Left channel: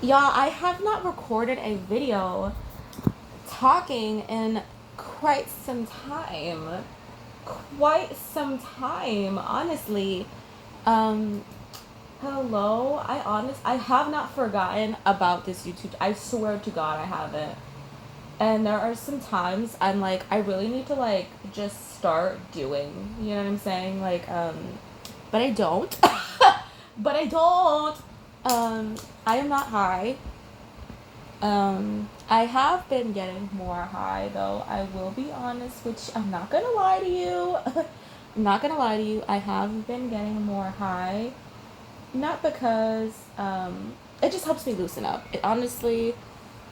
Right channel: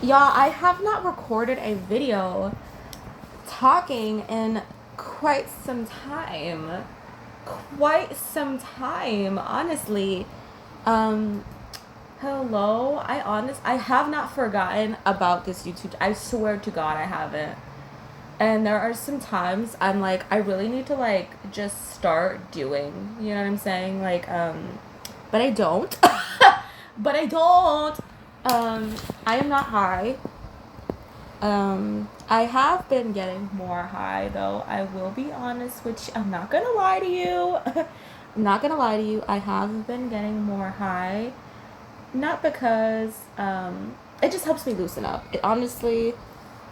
Y'all, I have not recorded a video talking in quite some time. Quite some time, honestly. Um, Hello. I have not forgotten about this YouTube. I swear to God I haven't. And there are some times I'm like, I really need to like just start doing. You know what I'm saying? But I don't. But I don't. I am not high. I have been getting more high though. I will be honest with you. I'm not gonna lie to you. I'm not gonna lie to you. I have been getting more high. Not because it just helps me loosen up. It honestly,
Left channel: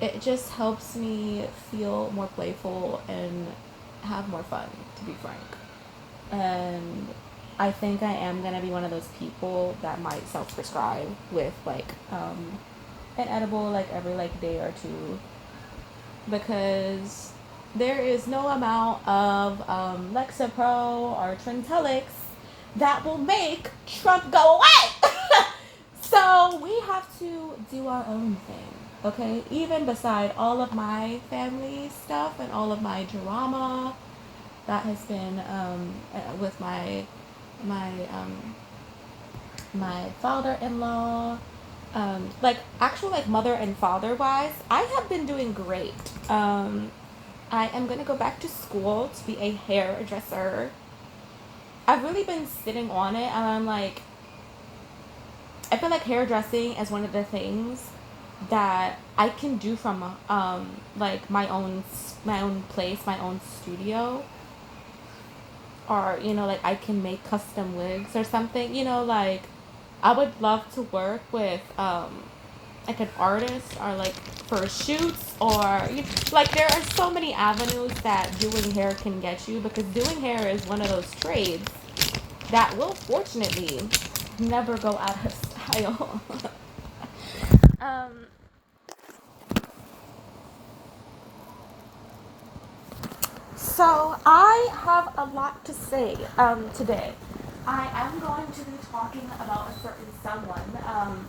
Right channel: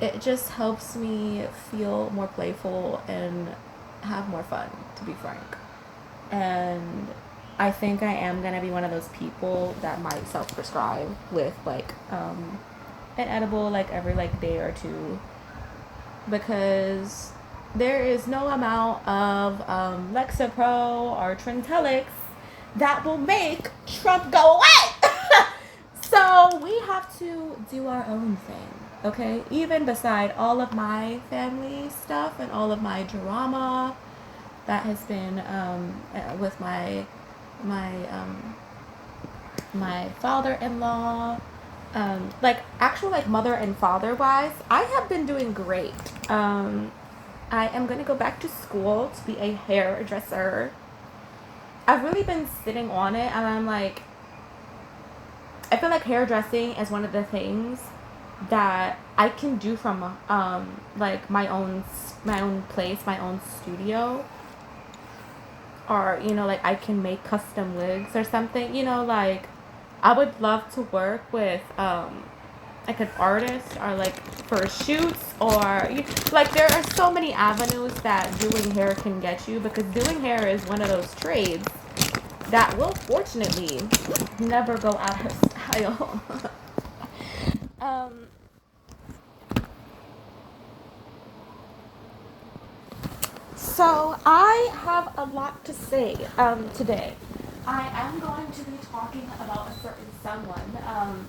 it just helps me feel more playful and have more fun, to be frank. And I think I am gonna be one of those people that might self-prescribe with an edible like every like day or two, because there is no amount of Lexapro or Trintellix that will make Trump go away. So we have to do our own thing, okay? Even beside all of my family stuff and all of my drama that has been with my my father-in-law, like actual like mother and father wise, I have been doing great. I am gonna go back to school to be a hairdresser. I've really been sitting on it, and I'm like, I feel like hairdressing is one of the things that I can do from like my own place, my own studio, or like I can make custom wigs or something. Like I would love to work with like an artist, or like for shoots, or like there are so many avenues that doing hair can get you, because doing hair is one of those trades that will fortunately never go out of style. um so I have a lot to say today. I am going to be talking about a certain someone.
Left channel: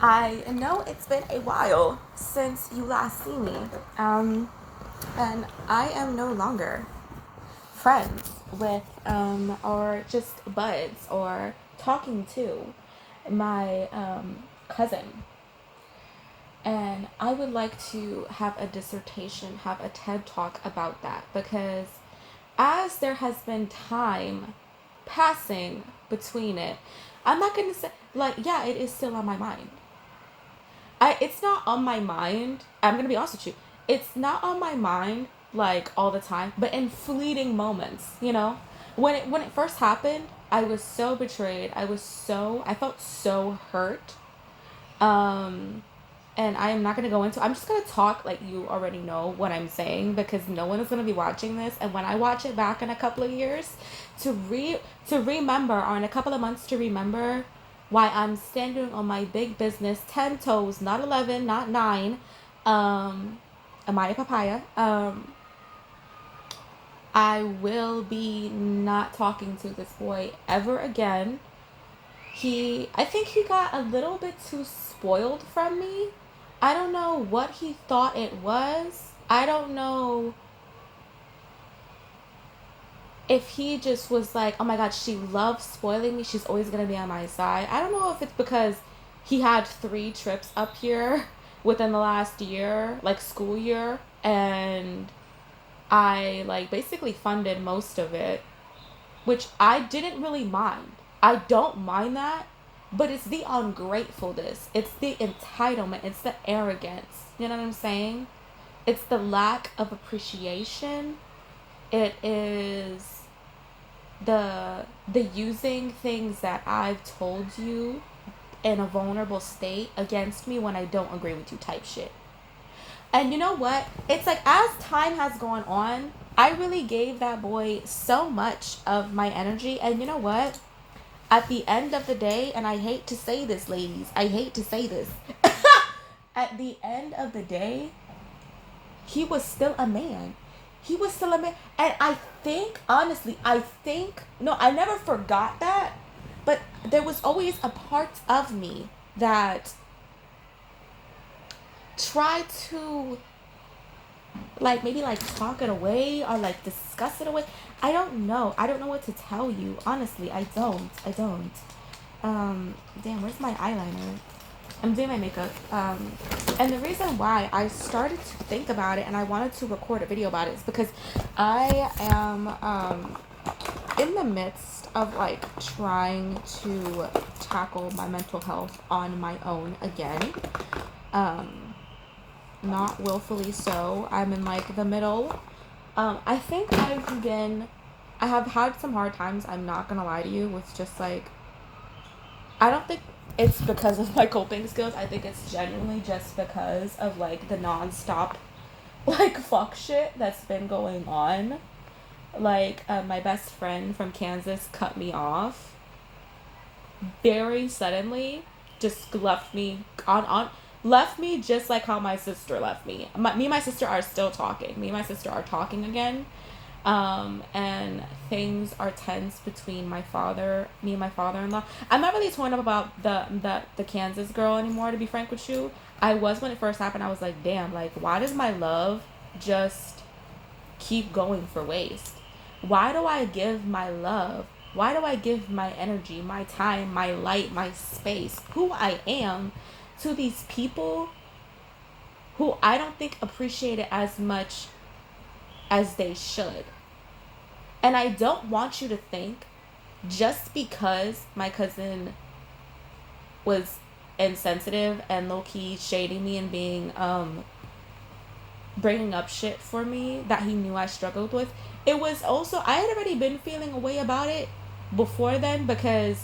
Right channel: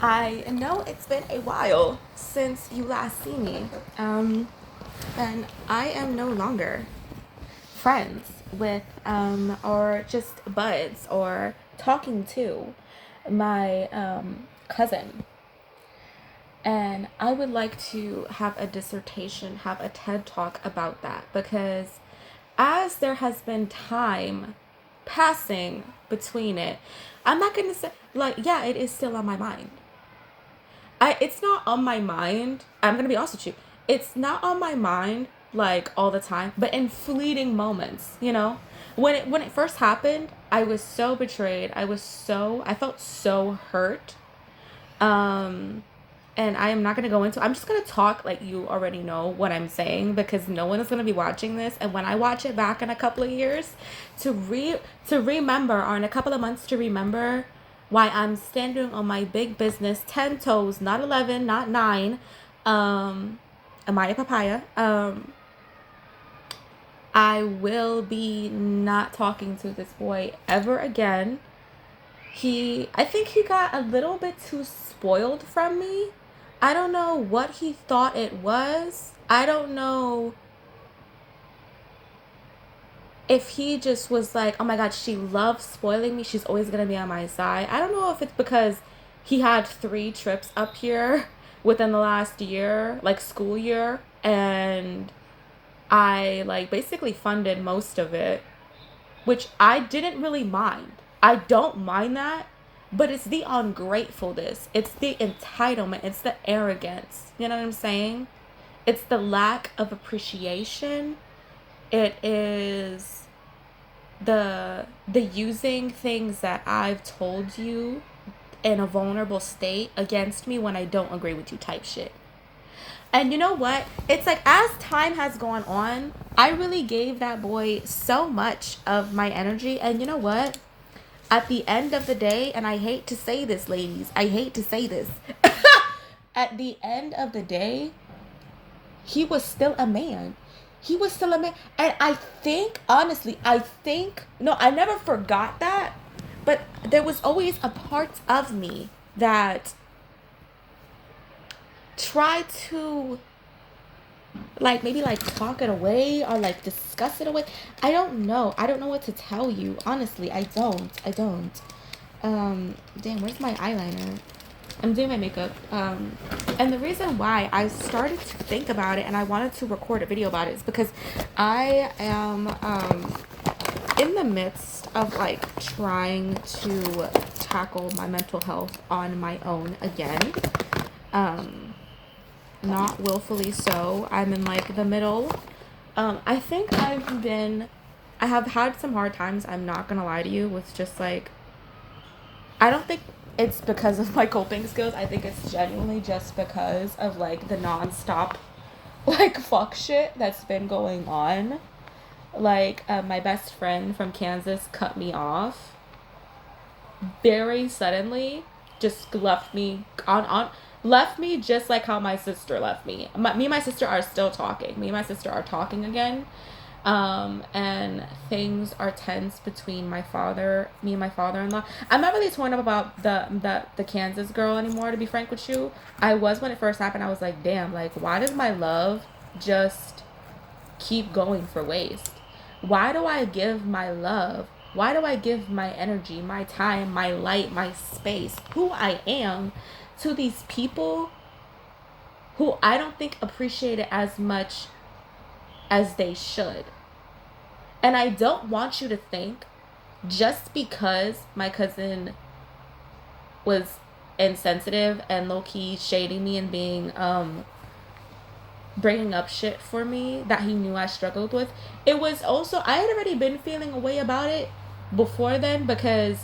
I know it's been a while since you last see me. And I am no longer friends with, or just buds, or talking to my cousin. And I would like to have a dissertation, have a TED talk about that, because as there has been time passing between it, I'm not going to say, like, yeah, it is still on my mind. It's not on my mind. I'm going to be honest with you. It's not on my mind like all the time, but in fleeting moments. When it first happened, I was so betrayed. I felt so hurt. Um and I am not going to go into, I'm just going to talk like you already know what I'm saying, because no one is going to be watching this, and when I watch it back in a couple of years, to remember, or in a couple of months, to remember why I'm standing on my big business 10 toes, not 11, not 9. Amaya papaya. I will be not talking to this boy ever again. I think he got a little bit too spoiled from me. I don't know what he thought it was. I don't know if he just was like, oh my God, she loves spoiling me. She's always going to be on my side. I don't know if it's because he had 3 trips up here within the last year, like school year, and I like basically funded most of it, which I didn't really mind. I don't mind that, but it's the ungratefulness, it's the entitlement, it's the arrogance. You know what I'm saying? It's the lack of appreciation. It is the using things that I've told you in a vulnerable state against me when I don't agree with you type shit. And you know what? It's like as time has gone on, I really gave that boy so much of my energy. And you know what? At the end of the day, and I hate to say this, ladies, I hate to say this. At the end of the day, he was still a man. He was still a man. And I think, honestly, no, I never forgot that. But there was always a part of me that try to like maybe like talk it away or like discuss it away. I don't know. I don't know what to tell you. Honestly, I don't. Damn, where's my eyeliner? I'm doing my makeup. And the reason why I started to think about it and I wanted to record a video about it is because I am in the midst of like trying to tackle my mental health on my own again. Not willfully so. I'm in like the middle. I think I have had some hard times, I'm not gonna lie to you, with just like, I don't think it's because of my coping skills. I think it's genuinely just because of like the nonstop like fuck shit that's been going on. Like my best friend from Kansas cut me off very suddenly, just left me left me just like how my sister left me. Me and my sister are still talking. Me and my sister are talking again. And things are tense between me and my father-in-law. I'm not really torn up about the Kansas girl anymore, to be frank with you. I was when it first happened. I was like, damn, like, why does my love just keep going for waste? Why do I give my love? Why do I give my energy, my time, my light, my space, who I am, to these people who I don't think appreciate it as much as they should? And I don't want you to think just because my cousin was insensitive and low-key shading me and being bringing up shit for me that he knew I struggled with. It was also, I had already been feeling a way about it before then, because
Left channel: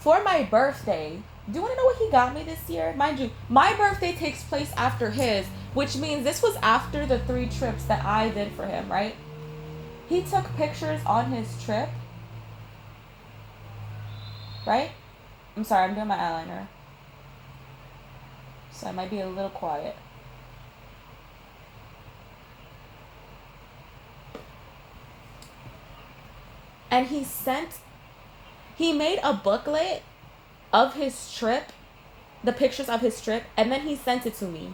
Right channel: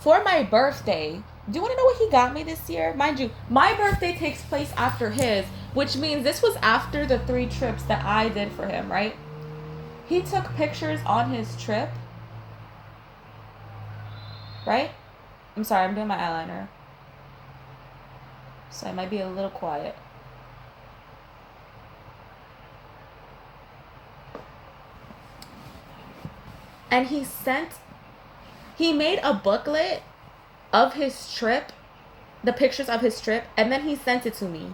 for my birthday, do you want to know what he got me this year? Mind you, my birthday takes place after his, which means this was after the 3 trips that I did for him, right? He took pictures on his trip, right? I'm sorry, I'm doing my eyeliner, so I might be a little quiet. And he made a booklet of his trip, the pictures of his trip, and then he sent it to me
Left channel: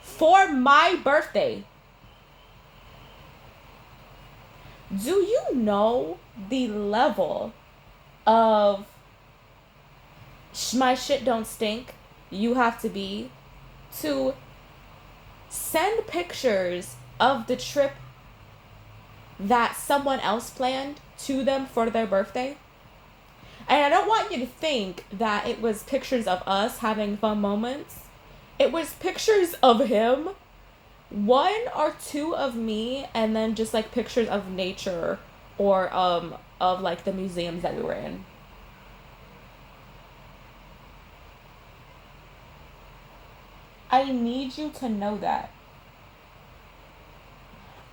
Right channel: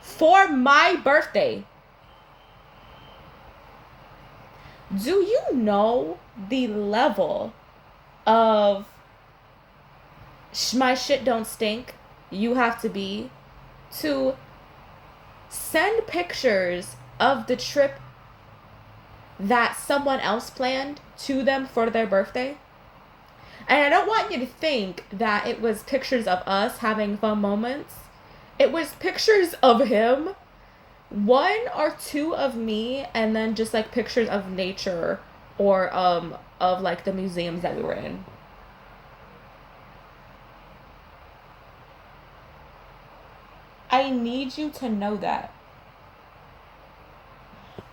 for my birthday. Do you know the level of my shit don't stink you have to be to send pictures of the trip that someone else planned to them for their birthday? And I don't want you to think that it was pictures of us having fun moments. It was pictures of him, 1 or 2 of me, and then just like pictures of nature or of like the museums that we were in. I need you to know that.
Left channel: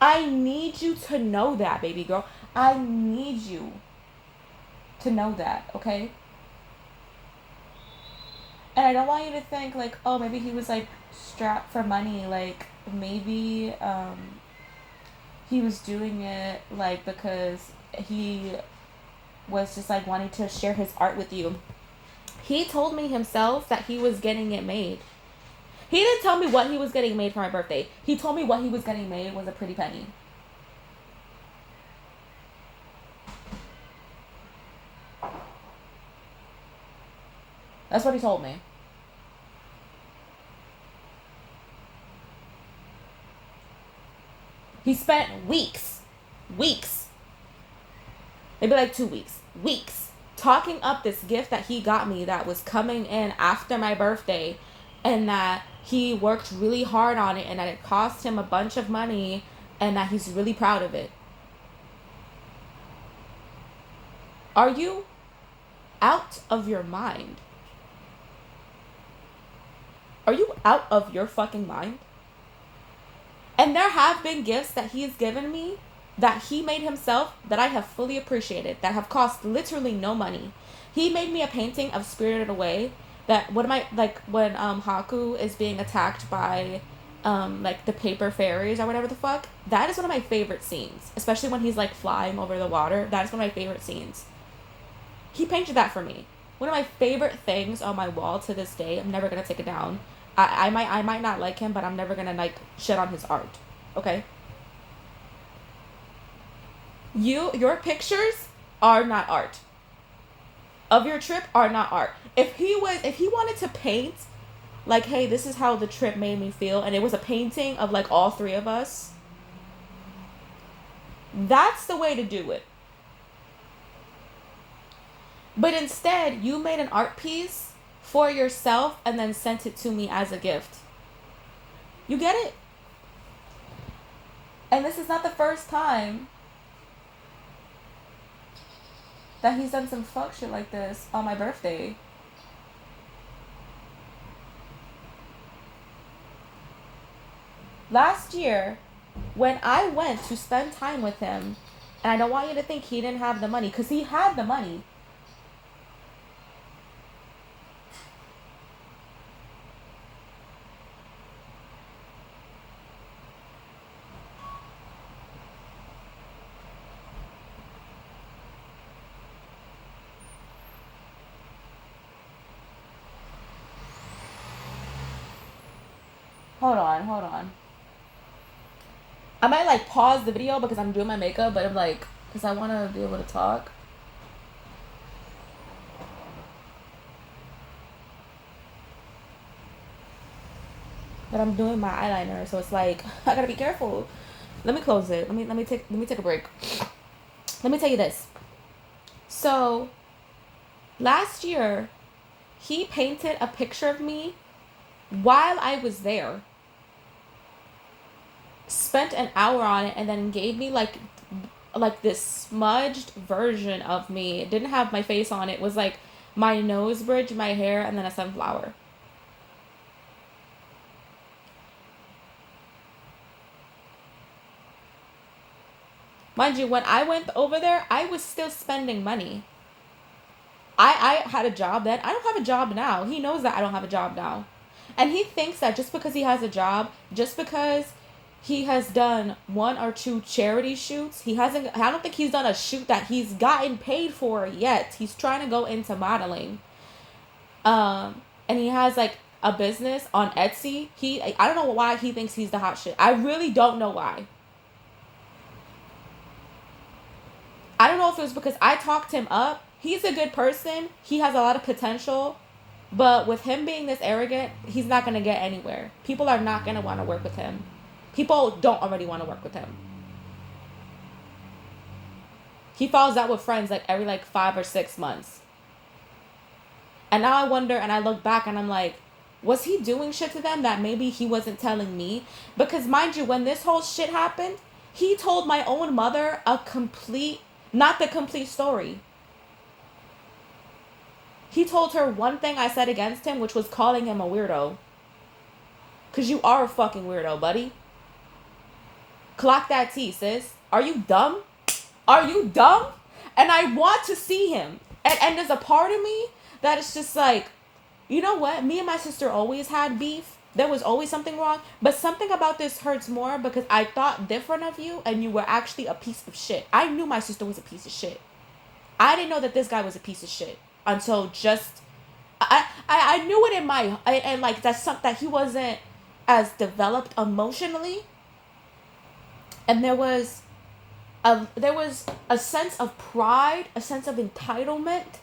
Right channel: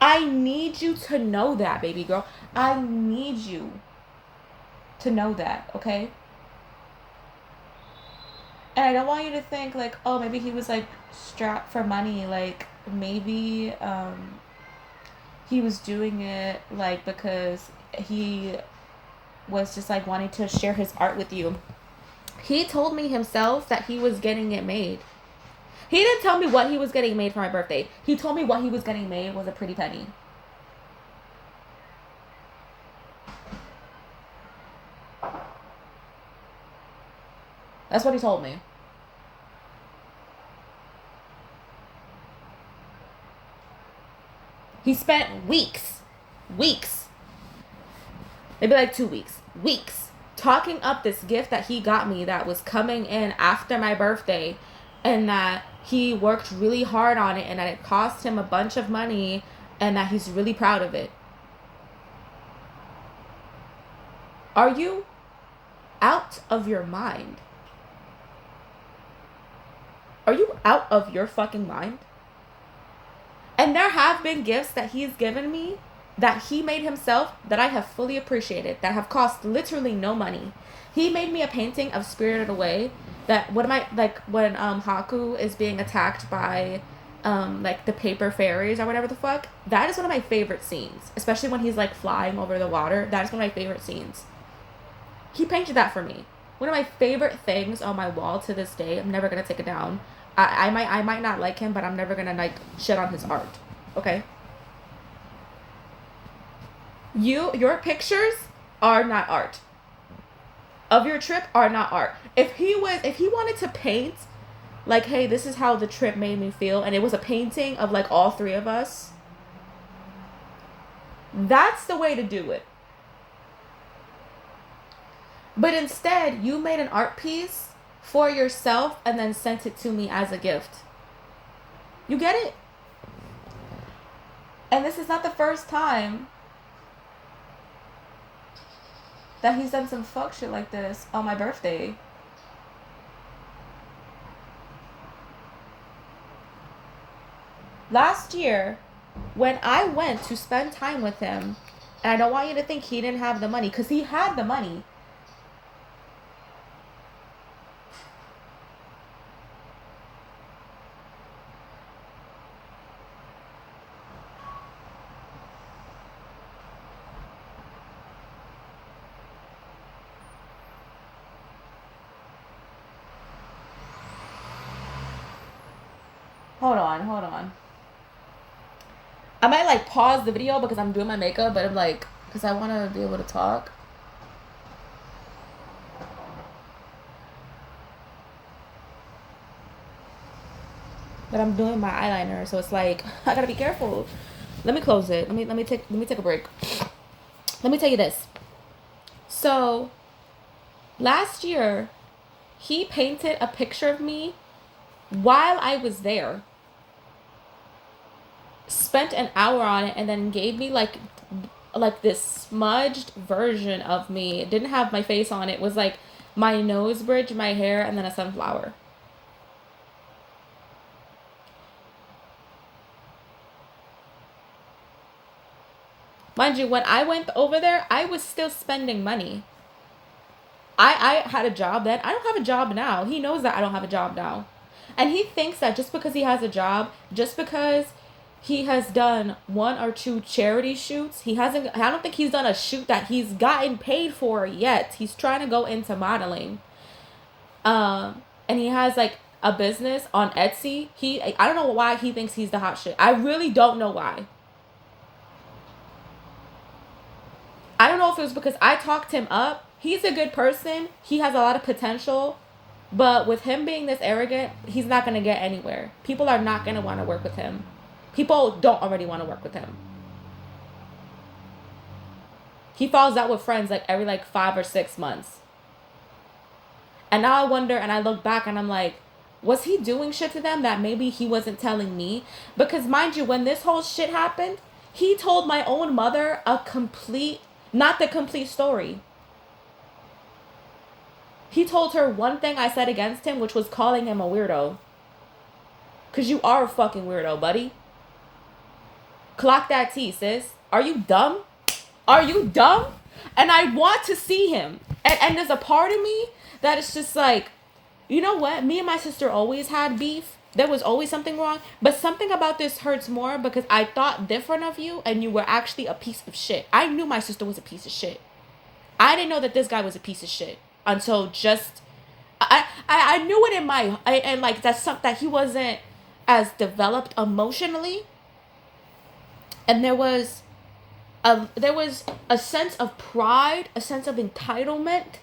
I need you to know that, baby girl. I need you to know that, okay? And I don't want you to think like, oh, maybe he was like strapped for money. Like maybe he was doing it like because he was just like wanting to share his art with you. He told me himself that he was getting it made. He didn't tell me what he was getting made for my birthday. He told me what he was getting made was a pretty penny. That's what he told me. He spent weeks, maybe like 2 weeks, talking up this gift that he got me that was coming in after my birthday, and that he worked really hard on it, and that it cost him a bunch of money, and that he's really proud of it. Are you out of your mind? Are you out of your fucking mind? And there have been gifts that he's given me that he made himself that I have fully appreciated, that have cost literally no money. He made me a painting of Spirited Away that when Haku is being attacked by like the paper fairies or whatever the fuck. That is one of my favorite scenes, especially when he's like flying over the water. That is one of my favorite scenes. He painted that for me. One of my favorite things on my wall to this day, I'm never gonna take it down, I might not like him, but I'm never gonna like shit on his art. Okay. Your pictures are not art. Of your trip are not art. If he wanted to paint like, hey, this is how the trip made me feel, and it was a painting of like all three of us, that's the way to do it. But instead, you made an art piece for yourself and then sent it to me as a gift. You get it? And this is not the first time that he's done some fuck shit like this on my birthday. Last year, when I went to spend time with him, and I don't want you to think he didn't have the money, because he had the money. Hold on, hold on. I might like pause the video because I'm doing my makeup, but I'm like, because I want to be able to talk. But I'm doing my eyeliner, so it's like I gotta be careful. Let me close it. Let me take a break. Let me tell you this. So last year, he painted a picture of me while I was there. Spent an hour on it and then gave me like this smudged version of me. It didn't have my face on it. It was like my nose bridge, my hair, and then a sunflower. Mind you, when I went over there, I was still spending money. I had a job then. I don't have a job now. He knows that I don't have a job now. And he thinks that just because he has a job, just because he has done one or two charity shoots, I don't think he's done a shoot that he's gotten paid for yet. He's trying to go into modeling. And he has like a business on Etsy. I don't know why he thinks he's the hot shit. I really don't know why. I don't know if it was because I talked him up. He's a good person. He has a lot of potential. But with him being this arrogant, he's not going to get anywhere. People are not going to want to work with him. People don't already want to work with him. He falls out with friends like every like 5 or 6 months. And now I wonder, and I look back and I'm like, was he doing shit to them that maybe he wasn't telling me? Because mind you, when this whole shit happened, he told my own mother not the complete story. He told her one thing I said against him, which was calling him a weirdo. Because you are a fucking weirdo, buddy. Clock that T, sis. Are you dumb? Are you dumb? And I want to see him. And there's a part of me that is just like, you know what? Me and my sister always had beef. There was always something wrong. But something about this hurts more because I thought different of you and you were actually a piece of shit. I knew my sister was a piece of shit. I didn't know that this guy was a piece of shit until just I knew it in my and like that's something that he wasn't as developed emotionally. And there was a sense of pride, a sense of entitlement.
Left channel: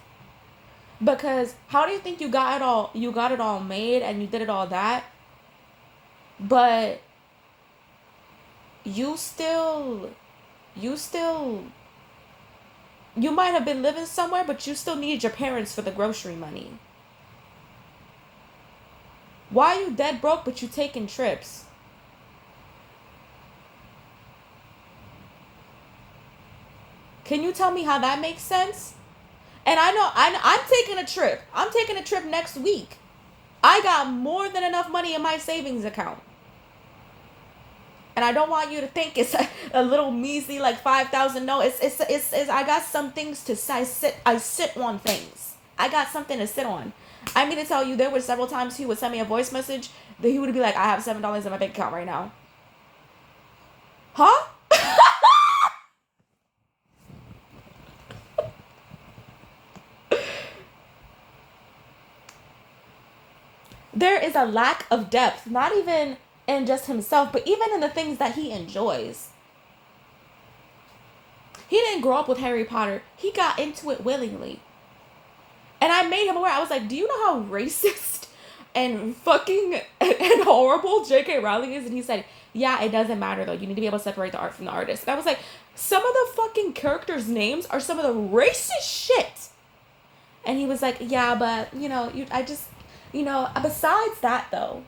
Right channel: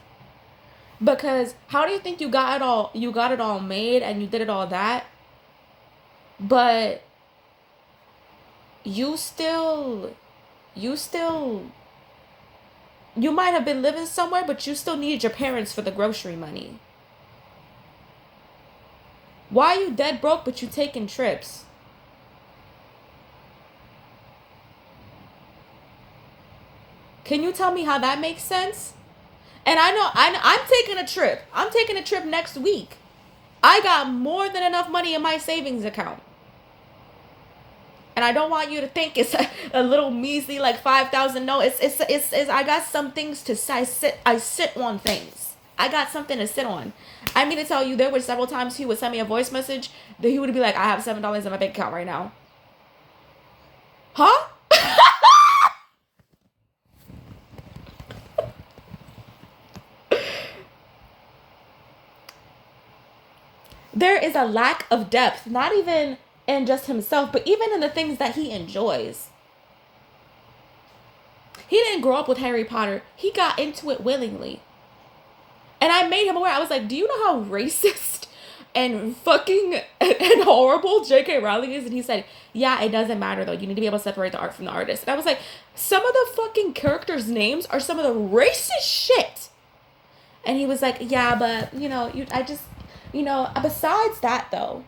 Because how do you think you got it all made and you did it all that? But you might have been living somewhere, but you still needed your parents for the grocery money. Why are you dead broke but you taking trips? Can you tell me how that makes sense? And I'm taking a trip. I'm taking a trip next week. I got more than enough money in my savings account. And I don't want you to think it's a little measly like 5,000. No, it's I got some things to I sit on things. I got something to sit on. I mean to tell you, there were several times he would send me a voice message that he would be like, I have $7 in my bank account right now. Huh? There is a lack of depth, not even in just himself, but even in the things that he enjoys. He didn't grow up with Harry Potter. He got into it willingly. And I made him aware. I was like, do you know how racist and fucking and horrible J.K. Rowling is? And he said, yeah, it doesn't matter though. You need to be able to separate the art from the artist. And I was like, some of the fucking characters' names are some of the racist shit. And he was like, yeah, but, besides that though.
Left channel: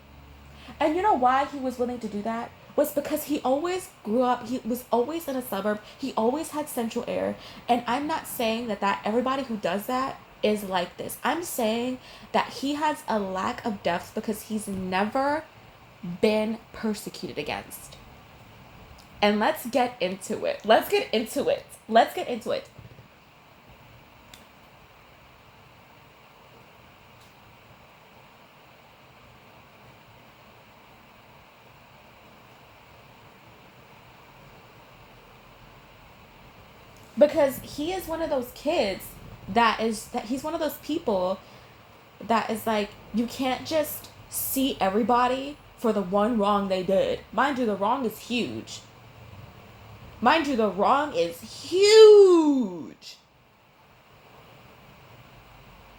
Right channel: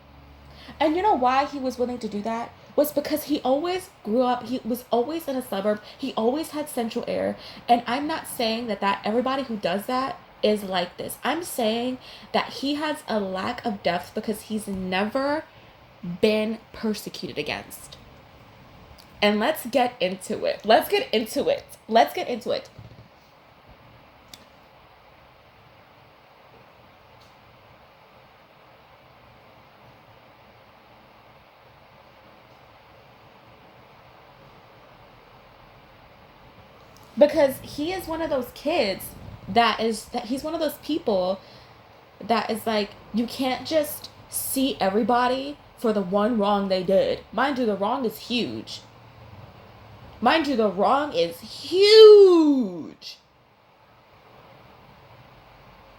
And you know why he was willing to do that? Was because he always grew up, he was always in a suburb, he always had central air. And I'm not saying that everybody who does that is like this. I'm saying that he has a lack of depth because he's never been persecuted against. And let's get into it. Let's get into it. Because he is one of those kids that he's one of those people that is like, you can't just see everybody for the one wrong they did. Mind you, the wrong is huge.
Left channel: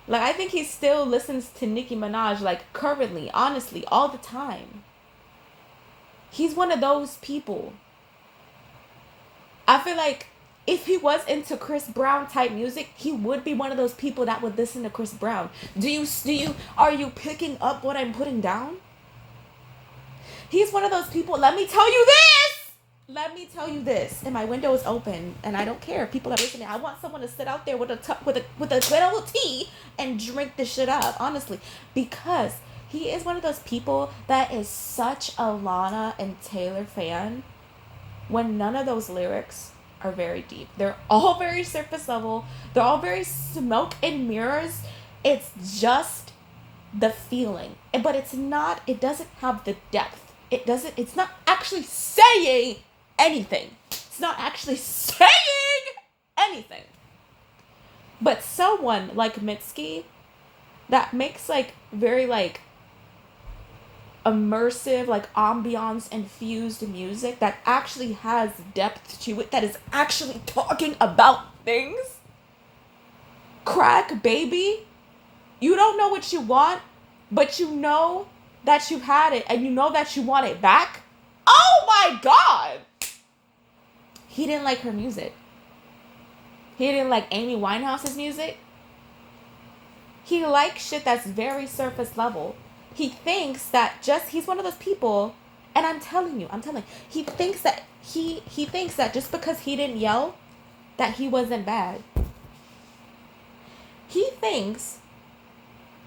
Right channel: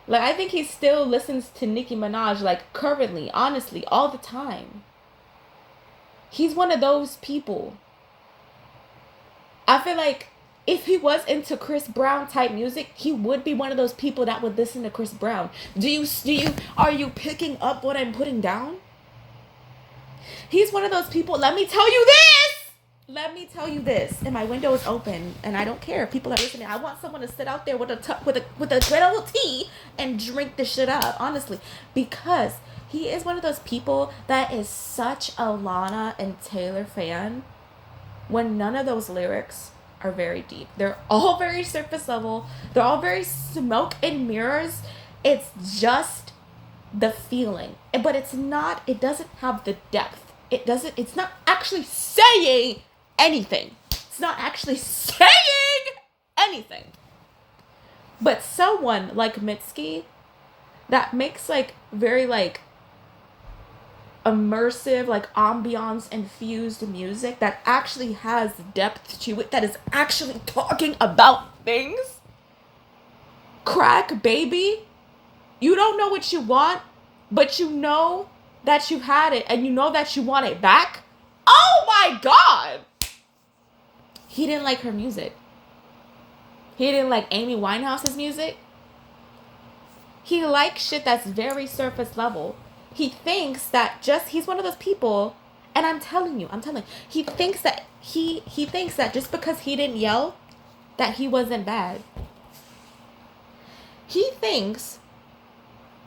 Like, I think he still listens to Nicki Minaj, like, currently, honestly, all the time. He's one of those people. I feel like if he was into Chris Brown type music, he would be one of those people that would listen to Chris Brown. Are you picking up what I'm putting down? He's one of those people. Let me tell you this. And my window is open, and I don't care if people are listening. I want someone to sit out there with a good old tea and drink this shit up, honestly, because he is one of those people that is such a Lana and Taylor fan when none of those lyrics are very deep. They're all very surface level. They're all very smoke and mirrors. It's just the feeling. But it doesn't have the depth. It's not actually saying anything. But someone like Mitski that makes like very like immersive, like ambiance infused music that actually has depth to it, that is actually talking about things. Crack baby, you don't know what you want, but you know that you had it and you know that you want it back. Oh my god! He didn't like her music. He didn't like Amy Winehouse's music. He likes shit that's very surface level. He thinks that he's one of those people, and I'm telling you, he thinks that just because he didn't yell, that he wasn't bad. He thinks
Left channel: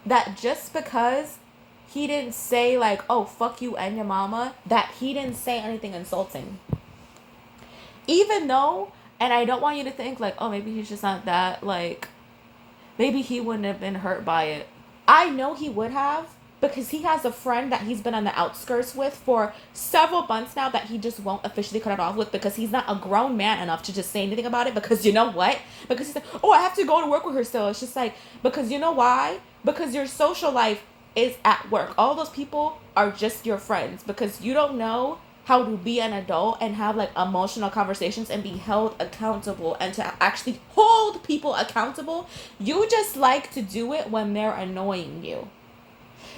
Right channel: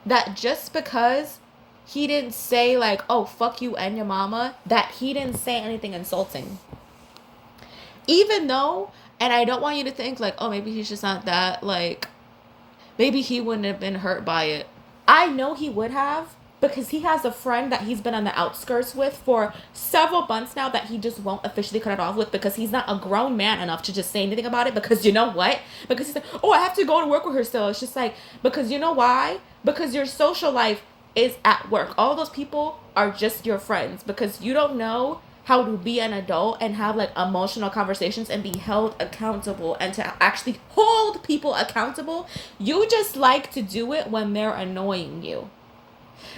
that just because he didn't say like, oh, fuck you and your mama, that he didn't say anything insulting. Even though, and I don't want you to think like, oh, maybe he's just not that, like, maybe he wouldn't have been hurt by it. I know he would have, because he has a friend that he's been on the outskirts with for several months now that he just won't officially cut it off with, because he's not a grown man enough to just say anything about it. Because you know what? Because he's like, oh, I have to go to work with her still. It's just like, because you know why? Because your social life is at work. All those people are just your friends, because you don't know how to be an adult and have like emotional conversations and be held accountable and to actually hold people accountable. You just like to do it when they're annoying you.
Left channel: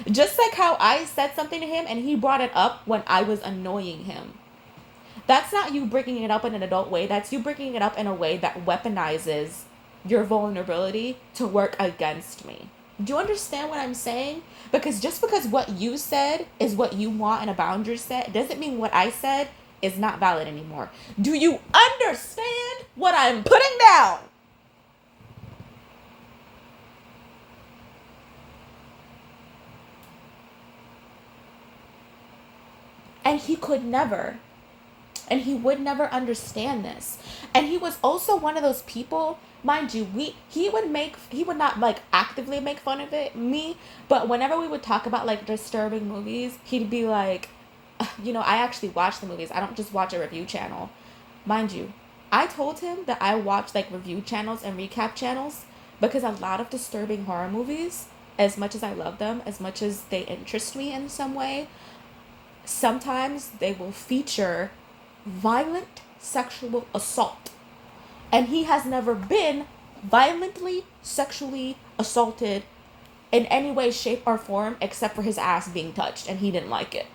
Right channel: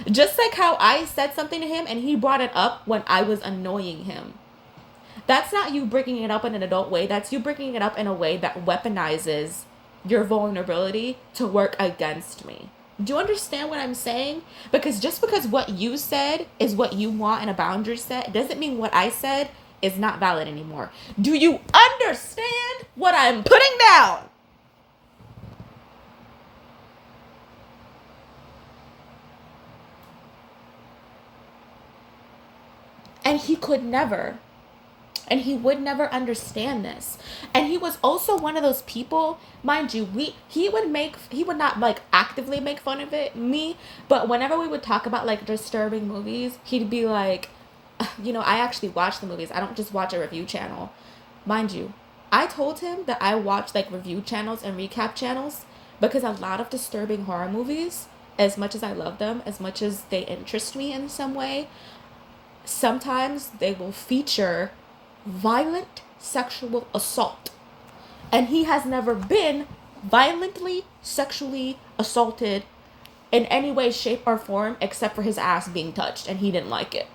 Just like how I said something to him and he brought it up when I was annoying him. That's not you bringing it up in an adult way. That's you bringing it up in a way that weaponizes your vulnerability to work against me. Do you understand what I'm saying? Because just because what you said is what you want in a boundary set doesn't mean what I said is not valid anymore. Do you understand what I'm putting down? And he could never. And he would never understand this. And he was also one of those people, mind you, he would not like actively make fun of me, but whenever we would talk about like disturbing movies, he'd be like, I actually watch the movies. I don't just watch a review channel. Mind you, I told him that I watch like review channels and recap channels because a lot of disturbing horror movies as much as I love them, as much as they interest me in some way, sometimes they will feature violent sexual assault. And he has never been violently sexually assaulted in any way, shape, or form except for his ass being touched, and he didn't like it.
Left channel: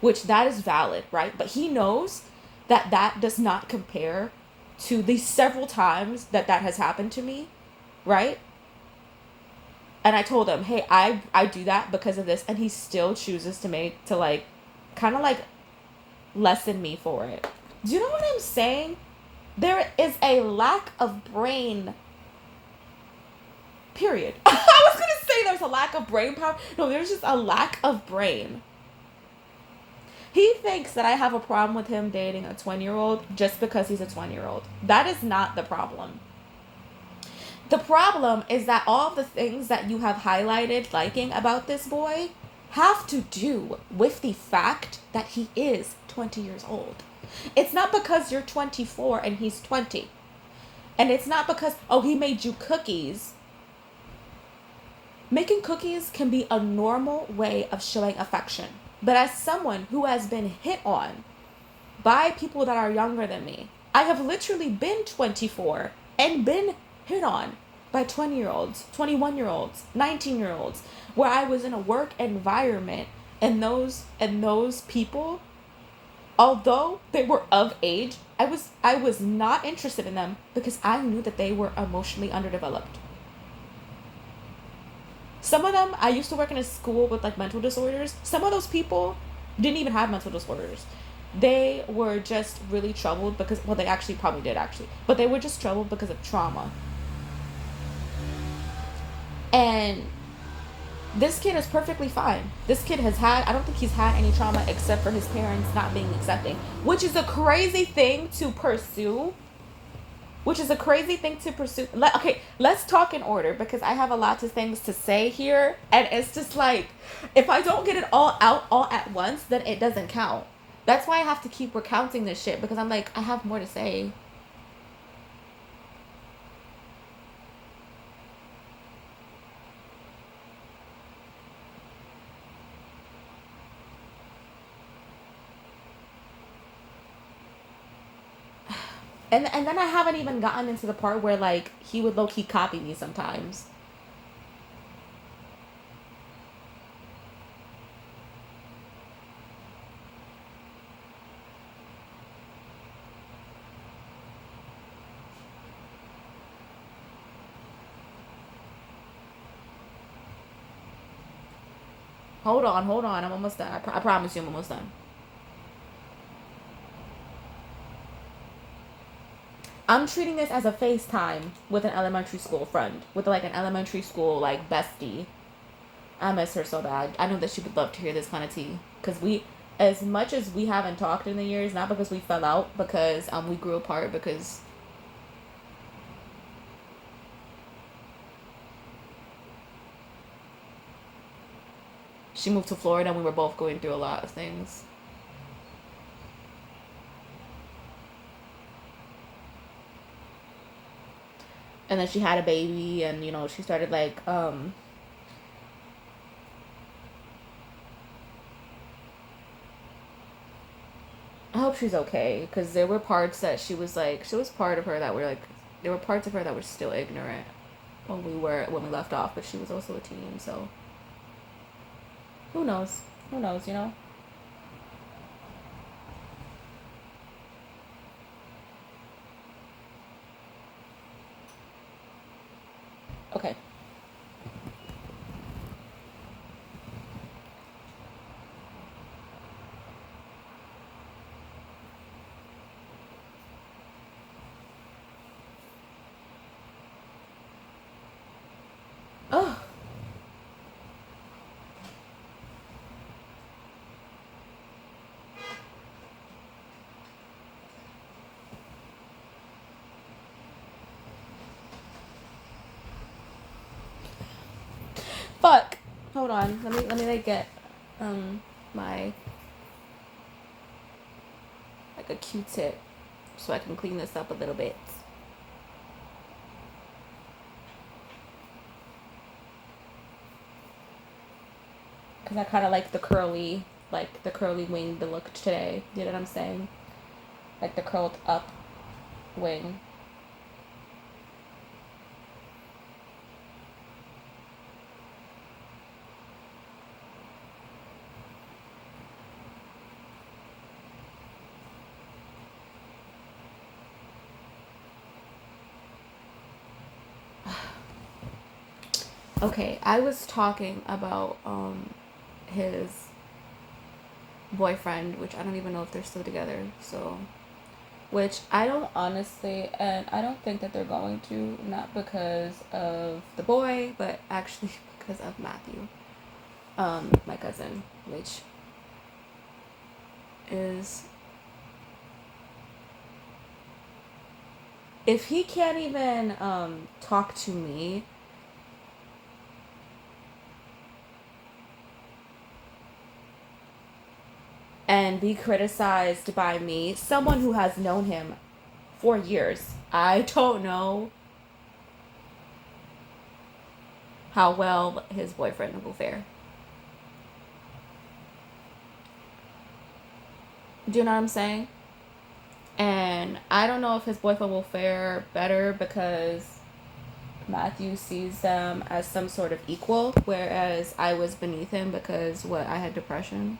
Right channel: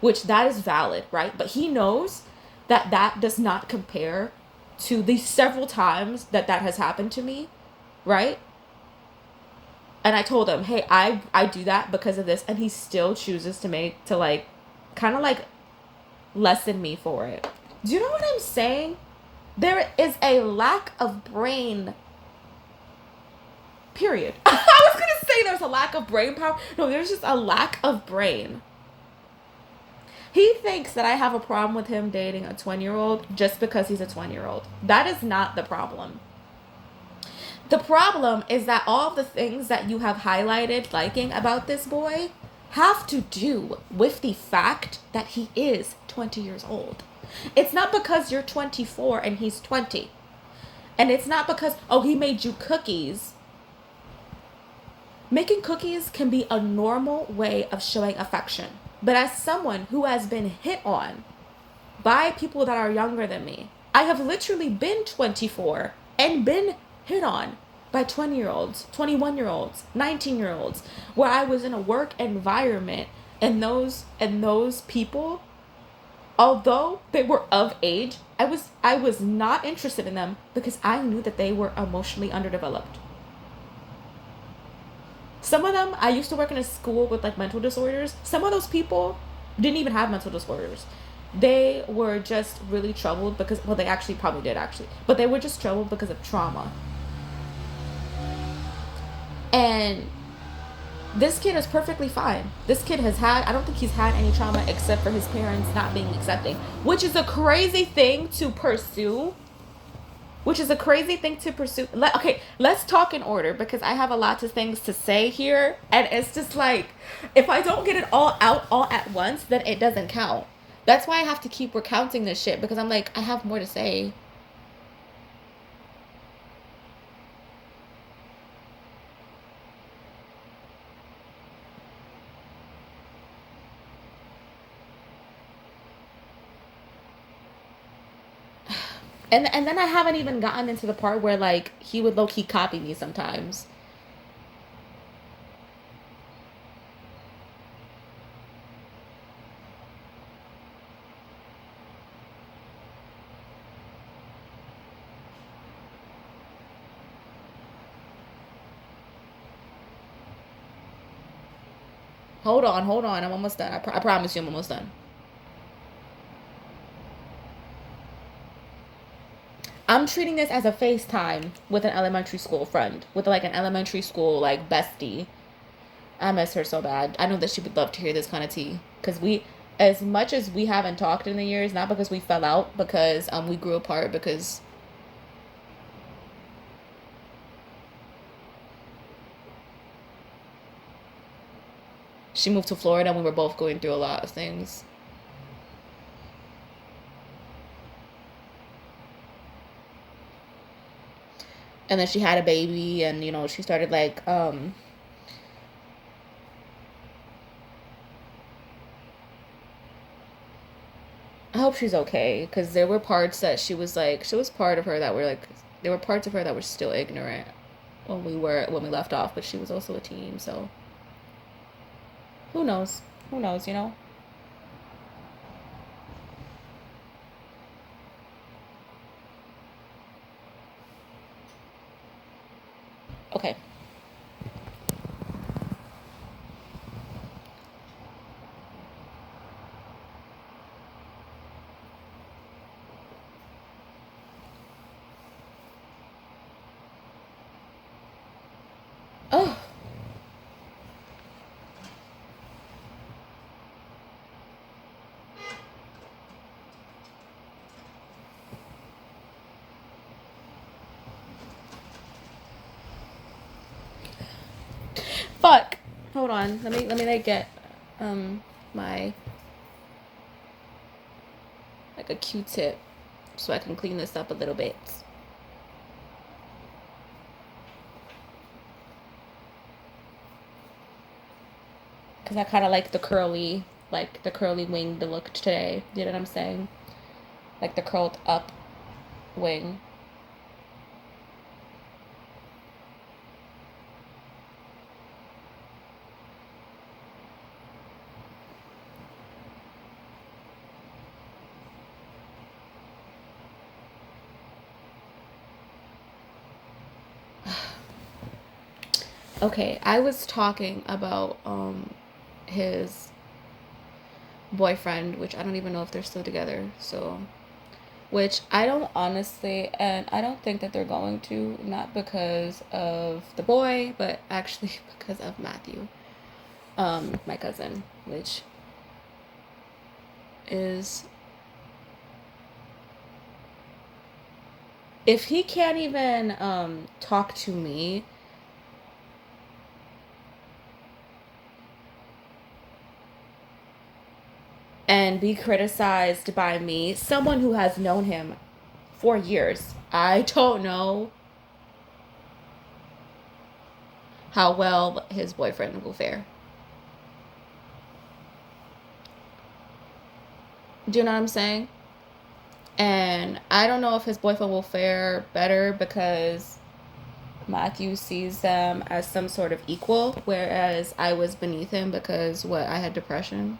Which, that is valid, right? But he knows that that does not compare to the several times that that has happened to me, right? And I told him, hey, I do that because of this, and he still chooses to like kind of like lessen me for it. Do you know what I'm saying? There is a lack of brain. Period. I was gonna say there's a lack of brain power. No, there's just a lack of brain. He thinks that I have a problem with him dating a 20-year-old just because he's a 20-year-old. That is not the problem. The problem is that all the things that you have highlighted liking about this boy have to do with the fact that he is 20 years old. It's not because you're 24 and he's 20. And it's not because, oh, he made you cookies. Making cookies can be a normal way of showing affection. But as someone who has been hit on by people that are younger than me, I have literally been 24 and been hit on by 20-year-olds, 21-year-olds, 19-year-olds, where I was in a work environment, and those people, although they were of age, I was not interested in them because I knew that they were emotionally underdeveloped. Some of them, I used to work in a school with like mental disorders. Some of those people didn't even have mental disorders. They were just really troubled because, well, they actually probably did actually, but they were just troubled because of trauma. And this kid is perfectly fine. This kid has had, I don't think he's had any trauma except for his parents not being accepting, which is a crazy thing to pursue. Okay, let's talk in order because I have a lot of things to say here. And it's just like, if I don't get it all out all at once, then it doesn't count. That's why I have to keep recounting this shit because I'm like, I have more to say. And then I haven't even gotten into the part where like he would low key copy me sometimes. Hold on. I'm almost done. I promise you, I'm almost done. I'm treating this as a FaceTime with an elementary school friend, with like an elementary school like bestie. I miss her so bad. I know that she would love to hear this kind of tea because as much as we haven't talked in the years, not because we fell out, because we grew apart because she moved to Florida and we were both going through a lot of things. And then she had a baby, and she started like I hope she's okay because there were parts that she was part of her that were like, there were parts of her that were still ignorant when we left off, but she was also a teen, so who knows? Who knows? Okay. Oh, fuck. Hold on. Let me like get my like a Q-tip so I can clean this up a little bit. Because I kind of like the curly winged look today. You know what I'm saying? Like the curled up wing. Okay, I was talking about his boyfriend, which I don't even know if they're still together. So, which I don't honestly, and I don't think that they're going to, not because of the boy, but actually because of Matthew, my cousin, which is, if he can't even talk to me and be criticized by me, someone who has known him for years, I don't know how well his boyfriend will fare. Do you know what I'm saying? And I don't know if his boyfriend will fare better because Matthew sees them as some sort of equal, whereas I was beneath him because what, I had depression.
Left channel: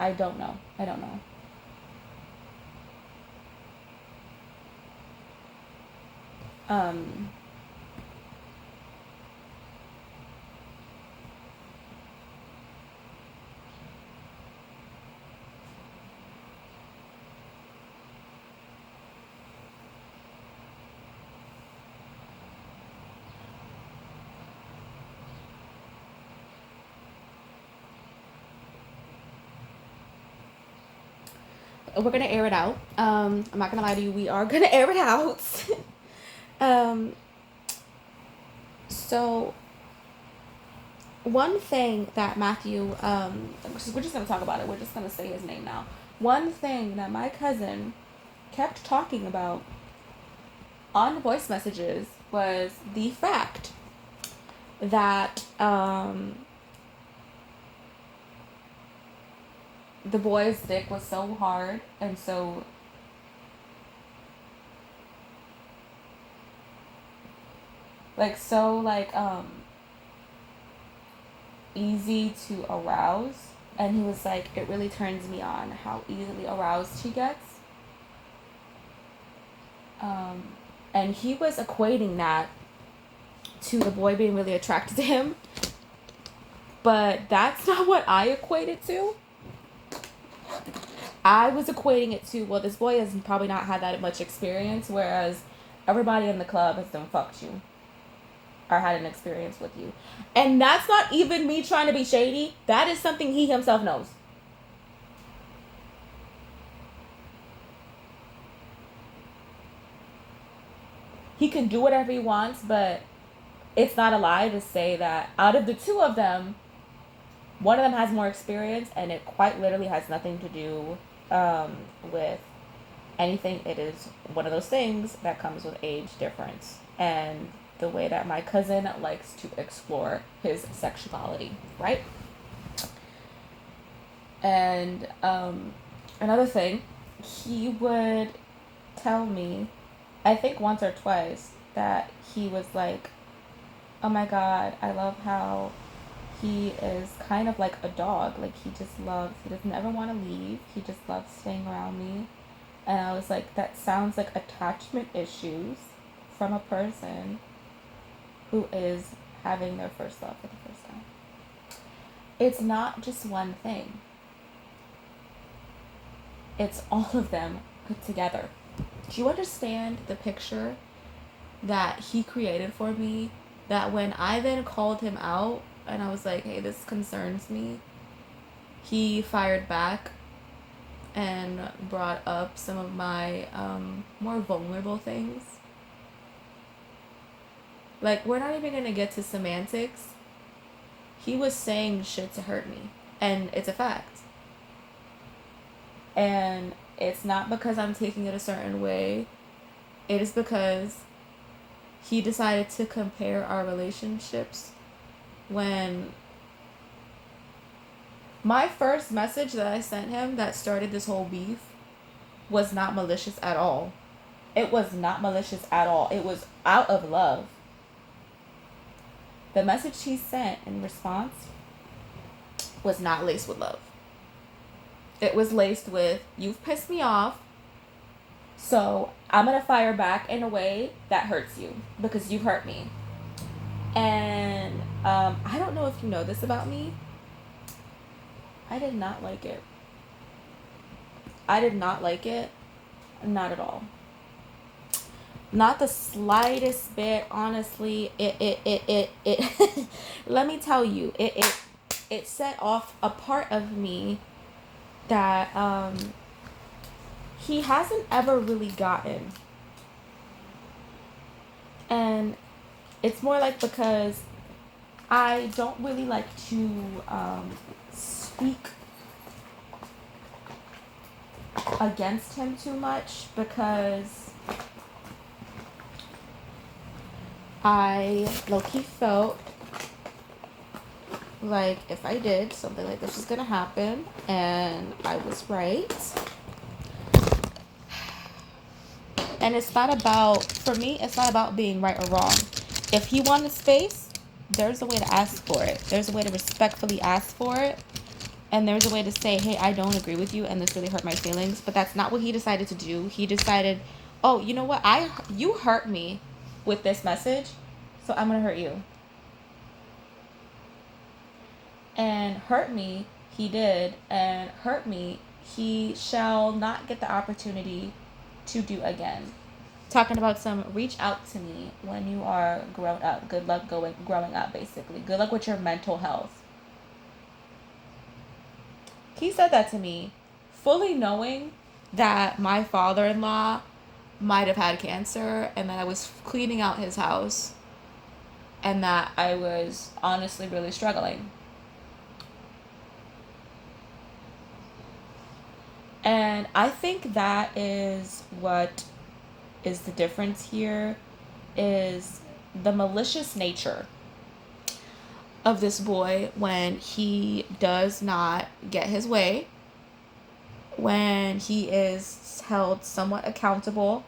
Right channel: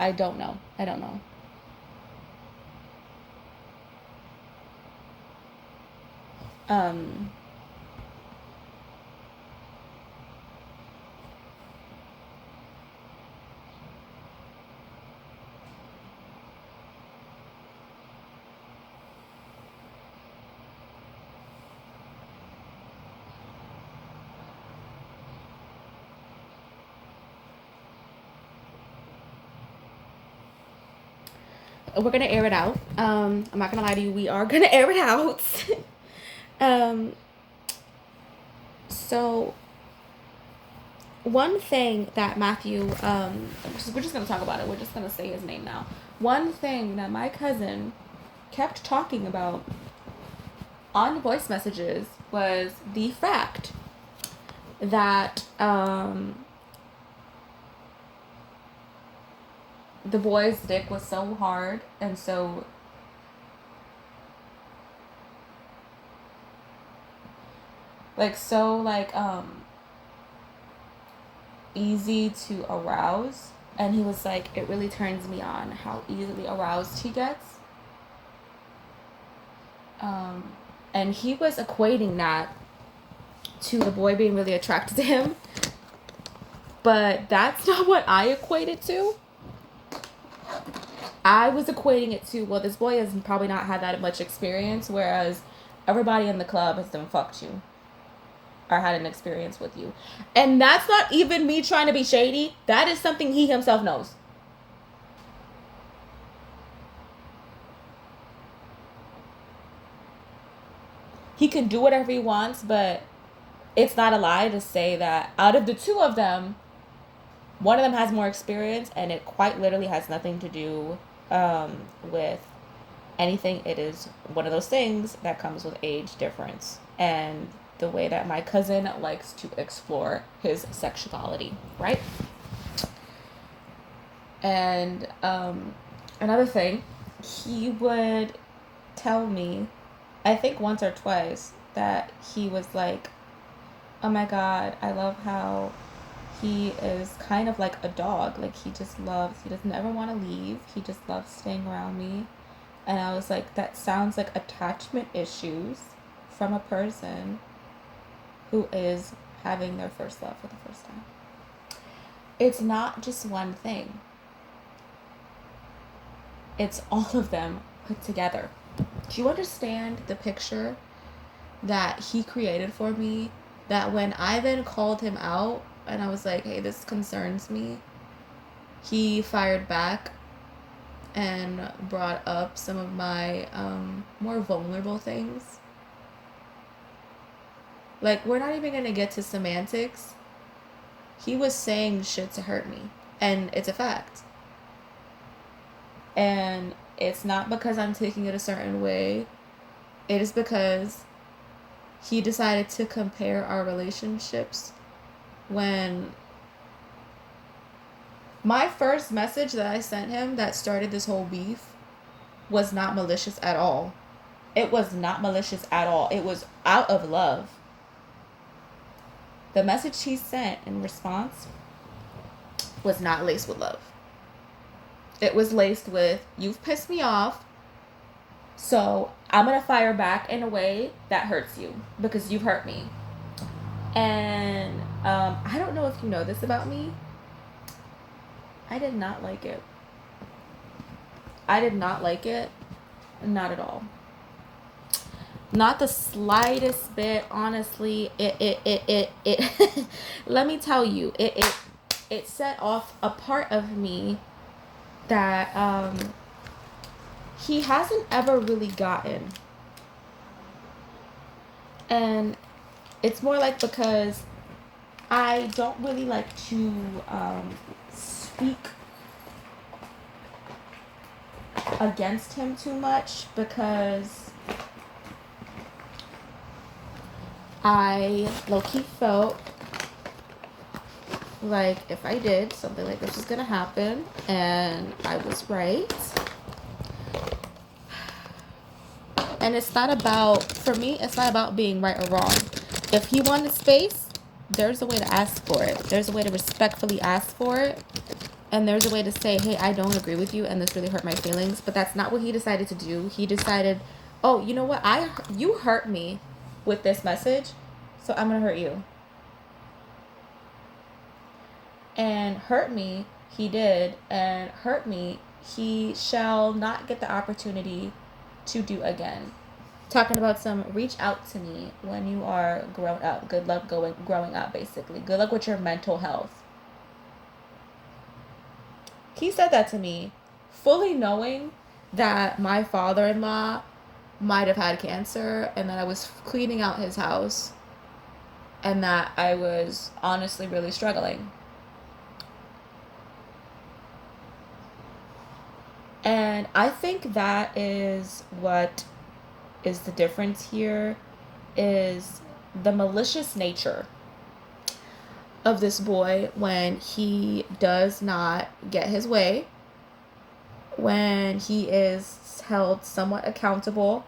I don't know. I don't know. Um, we're gonna air it out. I'm not gonna lie to you. We are gonna air it out. um, so one thing that Matthew, we're just gonna talk about it. We're just gonna say his name now. One thing that my cousin kept talking about on voice messages was the fact that the boy's dick was so hard and so easy to arouse, and he was like, it really turns me on how easily aroused he gets. And he was equating that to the boy being really attracted to him, but that's not what I equated to. I was equating it to, well, this boy has probably not had that much experience, whereas everybody in the club has done fucked you or had an experience with you. And that's not even me trying to be shady. That is something he himself knows. He can do whatever he wants, but it's not a lie to say that out of the two of them, one of them has more experience, and it quite literally has nothing to do with anything. It is one of those things that comes with age difference and the way that my cousin likes to explore his sexuality, right? And another thing, he would tell me, I think once or twice, that he was like, oh my god, I love how he is kind of like a dog. Like, he doesn't ever want to leave. He just loves staying around me. And I was like, that sounds like attachment issues from a person who is having their first love for the first time. It's not just one thing. It's all of them put together. Do you understand the picture that he created for me? That when I then called him out and I was like, hey, this concerns me, he fired back and brought up some of my more vulnerable things. Like, we're not even gonna get to semantics. He was saying shit to hurt me, and it's a fact. And it's not because I'm taking it a certain way It is because he decided to compare our relationships when my first message that I sent him that started this whole beef was not malicious at all. It was not malicious at all. It was out of love. The message he sent in response was not laced with love. It was laced with, you've pissed me off, so I'm going to fire back in a way that hurts you because you've hurt me. And I don't know if you know this about me. I did not like it. I did not like it. Not at all. Not the slightest bit, honestly. It let me tell you, it set off a part of me that he hasn't ever really gotten. And it's more like because I don't really like to speak against him too much because I low-key felt like if I did, something like this was gonna happen, and I was right. And it's not about, for me, it's not about being right or wrong. If he wanted space, there's a way to ask for it. There's a way to respectfully ask for it. And there's a way to say, hey, I don't agree with you, and this really hurt my feelings. But that's not what he decided to do. He decided, oh, you know what? You hurt me with this message, so I'm going to hurt you. And hurt me, he did. And hurt me, he shall not get the opportunity to do again. Talking about some reach out to me when you are grown up. Good luck growing up, basically. Good luck with your mental health. He said that to me, fully knowing that my father-in-law might have had cancer and that I was cleaning out his house and that I was honestly really struggling. And I think that is what is the difference here, is the malicious nature of this boy when he does not get his way, when he is held somewhat accountable.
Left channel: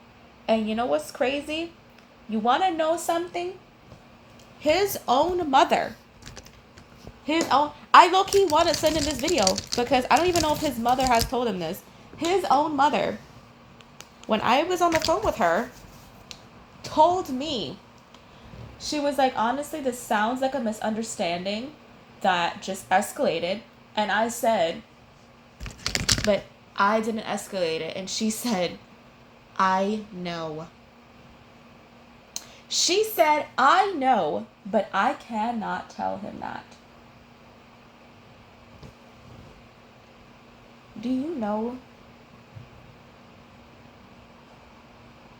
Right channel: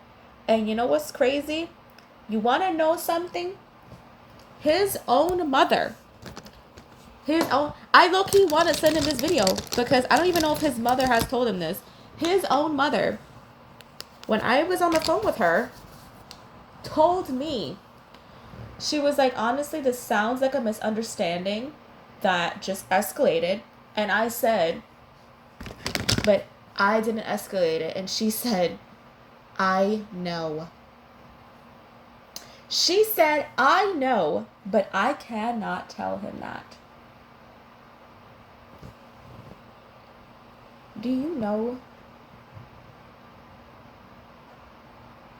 And you know what's crazy? You want to know something? His own mother, I low-key want to send him this video because I don't even know if his mother has told him this. His own mother, when I was on the phone with her, told me, she was like, honestly, this sounds like a misunderstanding that just escalated. And I said, but I didn't escalate it. And she said, I know. She said, I know, but I cannot tell him that. Do you know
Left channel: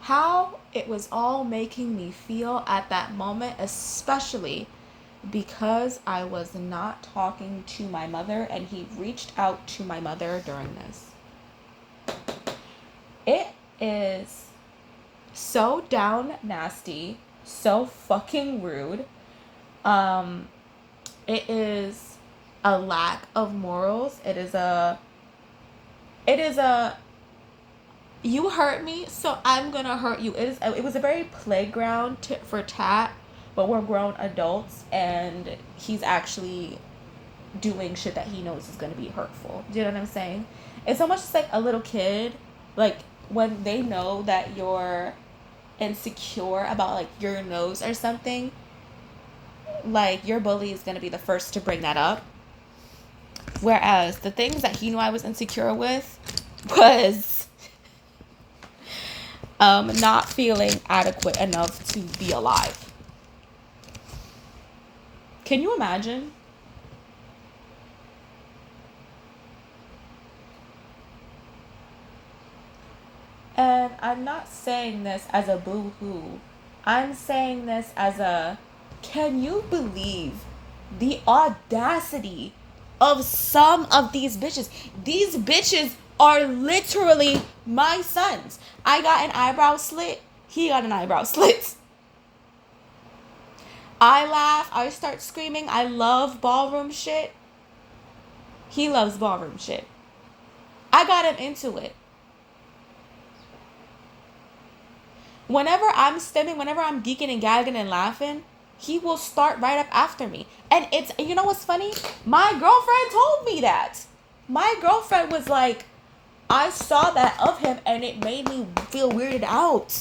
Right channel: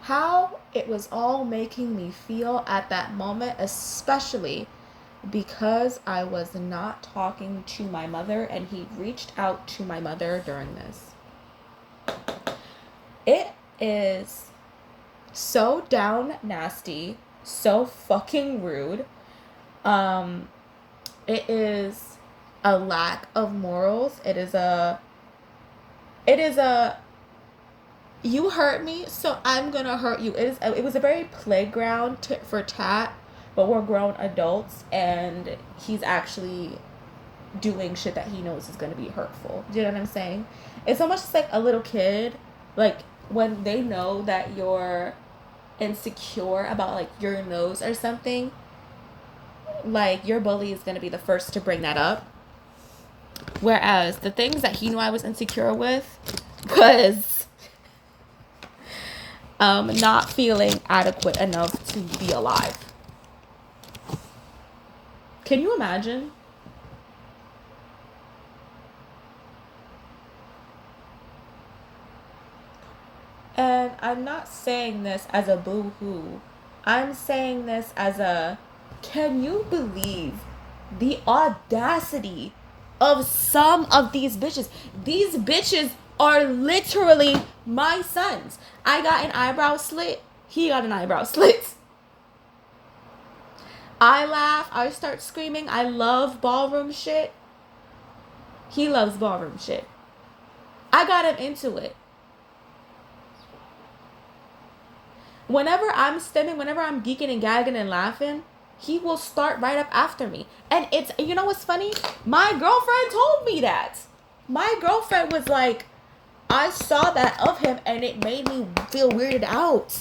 how it was all making me feel at that moment, especially because I was not talking to my mother and he reached out to my mother during this. It is so down nasty, so fucking rude. It is a lack of morals. It is a you hurt me, so I'm gonna hurt you. It was a very playground for tat, but we're grown adults, and he's actually doing shit that he knows is gonna be hurtful. Do you know what I'm saying? It's almost just like a little kid, like when they know that you're insecure about like your nose or something, like your bully is gonna be the first to bring that up. Whereas the things that he knew I was insecure with was not feeling adequate enough to be alive. Can you imagine? And I'm not saying this as a boo-hoo. I'm saying this as a, can you believe the audacity of some of these bitches? These bitches are literally my sons. I got an eyebrow slit. He got an eyebrow slit. I laugh. I start screaming. I love ballroom shit. He loves ballroom shit. I got him into it. Whenever I'm stimming, whenever I'm geeking and gagging and laughing, he will start right up after me. And it's, you know what's funny? My girlfriend told me that. My girlfriend was like, I saw that of him and it made me feel weirded out.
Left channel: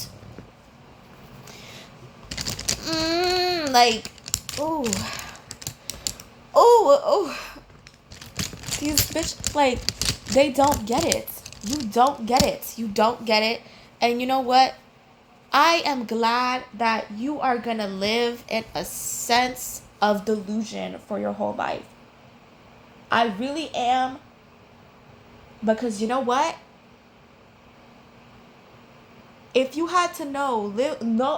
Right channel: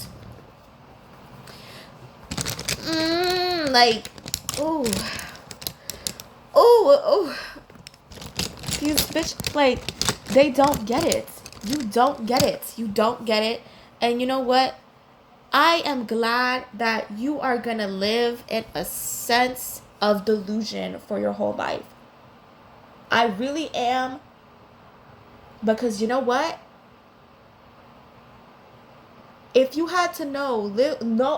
Like, oh. Oh. These bitch, like, they don't get it. You don't get it. You don't get it. And you know what? I am glad that you are gonna live in a sense of delusion for your whole life. I really am. Because you know what? If you had to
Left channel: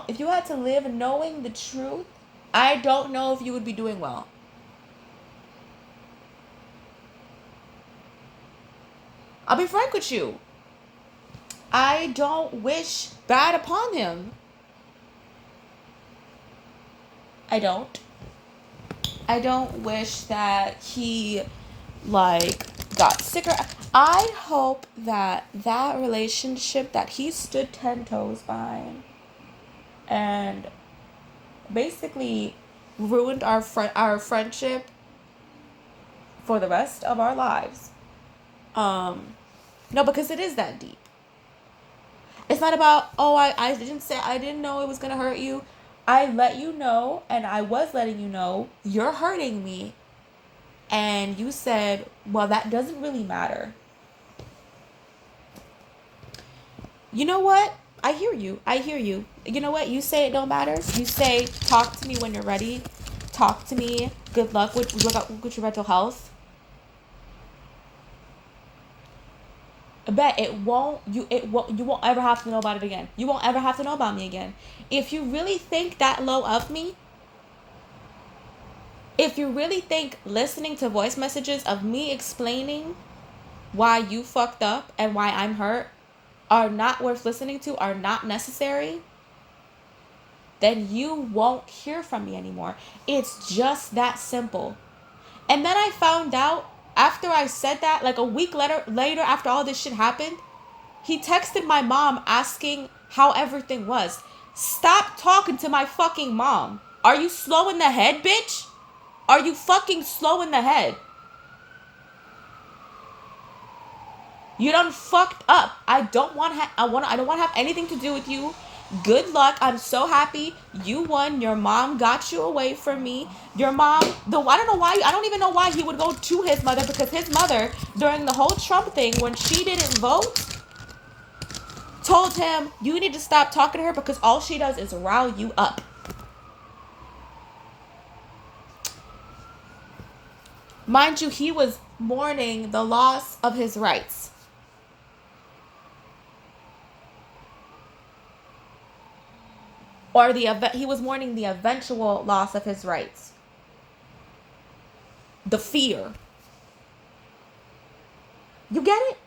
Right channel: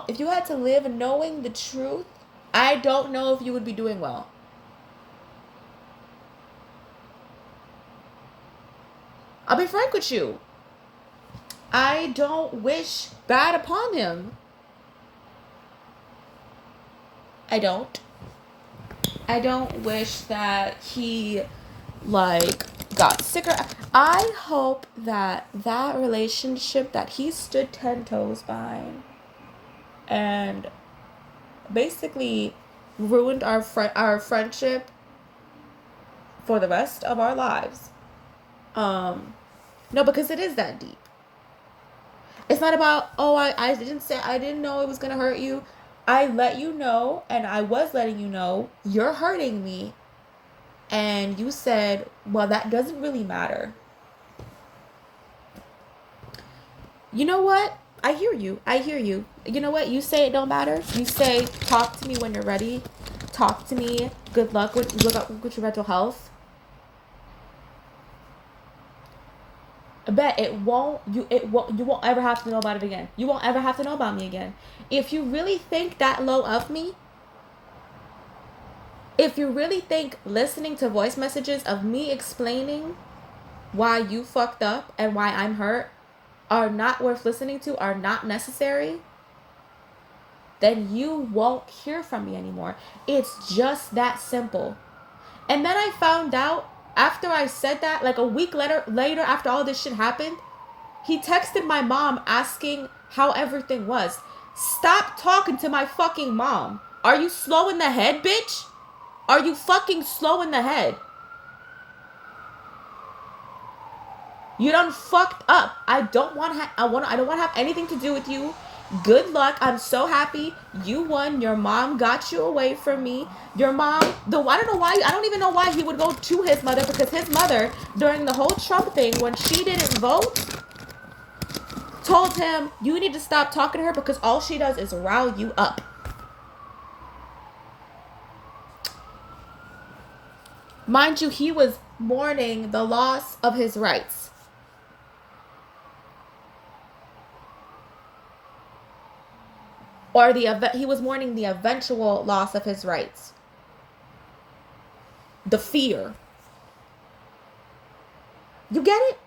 if you had to live knowing the truth, I don't know if you would be doing well. I'll be frank with you. I don't wish bad upon him. I don't. I don't wish that he, like, got sicker. I hope that that relationship that he stood 10 toes by and basically ruined our friendship for the rest of our lives. No, because it is that deep. It's not about, oh, I didn't know it was gonna hurt you. I let you know, and I was letting you know, you're hurting me. And you said, well, that doesn't really matter. You know what? I hear you. You know what? You say it don't matter. You say, talk to me when you're ready. Talk to me. Good luck with your mental health. I bet you won't ever have to know about it again. You won't ever have to know about me again. If you really think that low of me, if you really think listening to voice messages of me explaining why you fucked up and why I'm hurt are not worth listening to, are not necessary, then you won't hear from me anymore. It's just that simple. And then I found out after I said that, like a week later after all this shit happened, he texted my mom asking how everything was. Stop talking to my fucking mom. Are you slow in the head, bitch? Are you fucking slow in the head? You done fucked up. I don't want to have anything to do with you. Good luck. I'm so happy you won. Your mom got you away from me. Your mom, I don't even know why he would go to his mother, because his mother, during the whole Trump thing, when she didn't vote, told him, you need to stop talking to her because all she does is rile you up. Mind you, he was mourning the loss of his rights. Or he was mourning the eventual loss of his rights. The fear. You get it?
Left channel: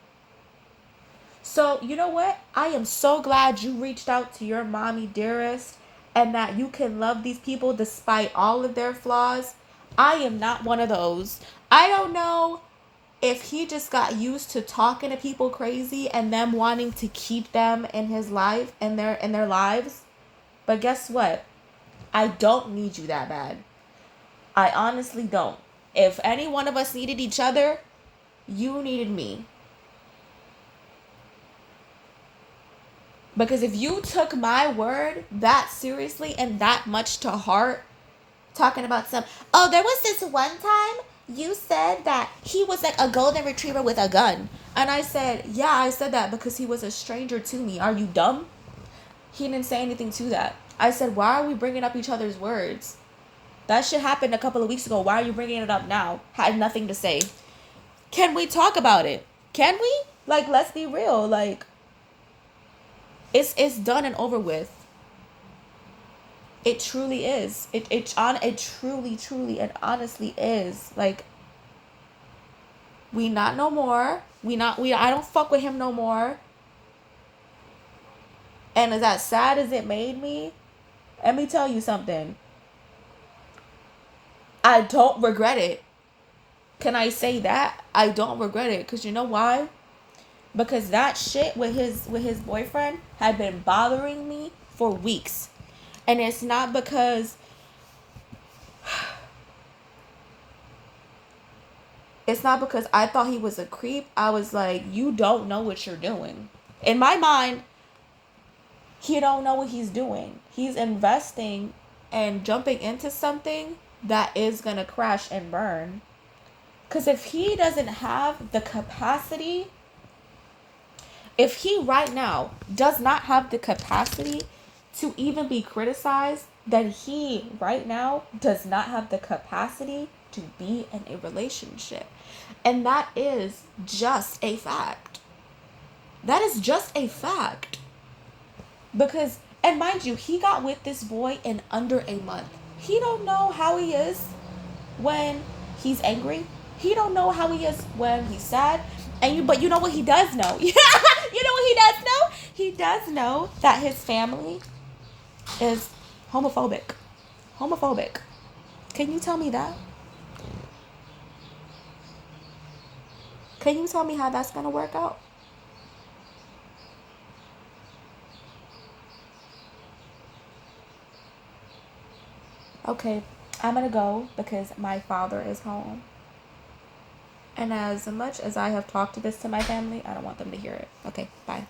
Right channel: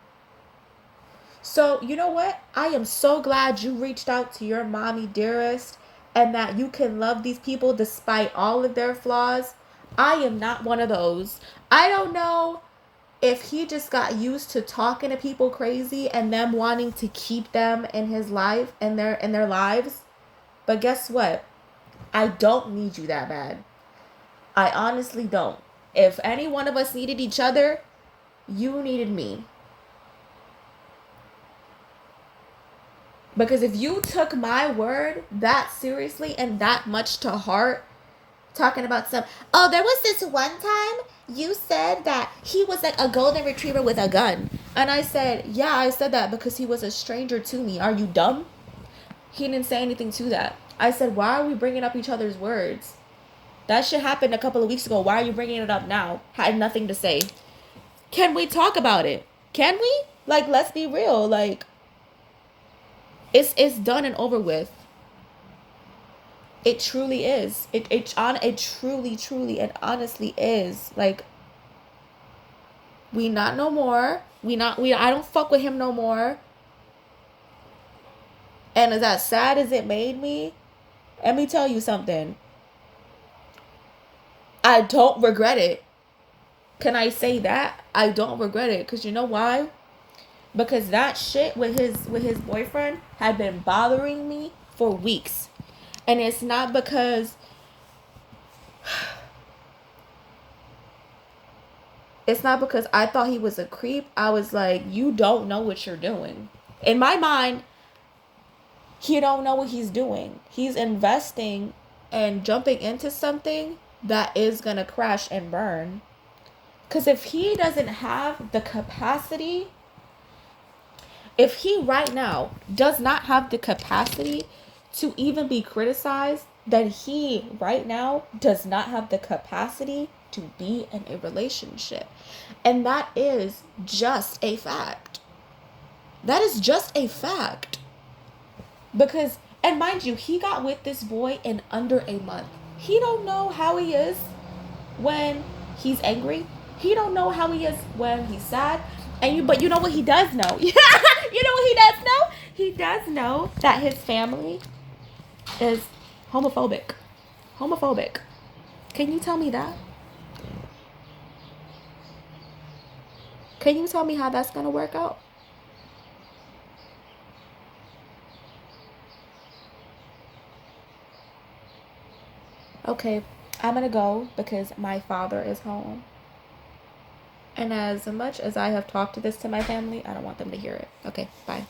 So, you know what? I am so glad you reached out to your mommy dearest and that you can love these people despite all of their flaws. I am not one of those. I don't know if he just got used to talking to people crazy and them wanting to keep them in his life and their lives. But guess what? I don't need you that bad. I honestly don't. If any one of us needed each other, you needed me. Because if you took my word that seriously and that much to heart, talking about there was this one time you said that he was like a golden retriever with a gun. And I said, yeah, I said that because he was a stranger to me. Are you dumb? He didn't say anything to that. I said, why are we bringing up each other's words? That shit happened a couple of weeks ago. Why are you bringing it up now? Had nothing to say. Can we talk about it? Can we? Like, let's be real. Like, it's done and over with. It truly is. It truly and honestly is. Like, we not no more. I don't fuck with him no more. And as sad as it made me, let me tell you something. I don't regret it. Can I say that? I don't regret it. Because you know why? Because that shit with his boyfriend had been bothering me for weeks. And it's not because I thought he was a creep. I was like, you don't know what you're doing. In my mind, he don't know what he's doing. He's investing and jumping into something that is going to crash and burn. Because if he doesn't have the capacity, if he right now does not have the capacity to even be criticized, then he right now does not have the capacity to be in a relationship. And that is just a fact. That is just a fact. Because, and mind you, he got with this boy in under a month. He don't know how he is when he's angry. He don't know how he is when he's sad. But you know what he does know? You know what he does know? He does know that his family is homophobic. Homophobic. Can you tell me that? Can you tell me how that's going to work out? Okay, I'm going to go because my father is home. And as much as I have talked to this to my family, I don't want them to hear it. Okay, bye.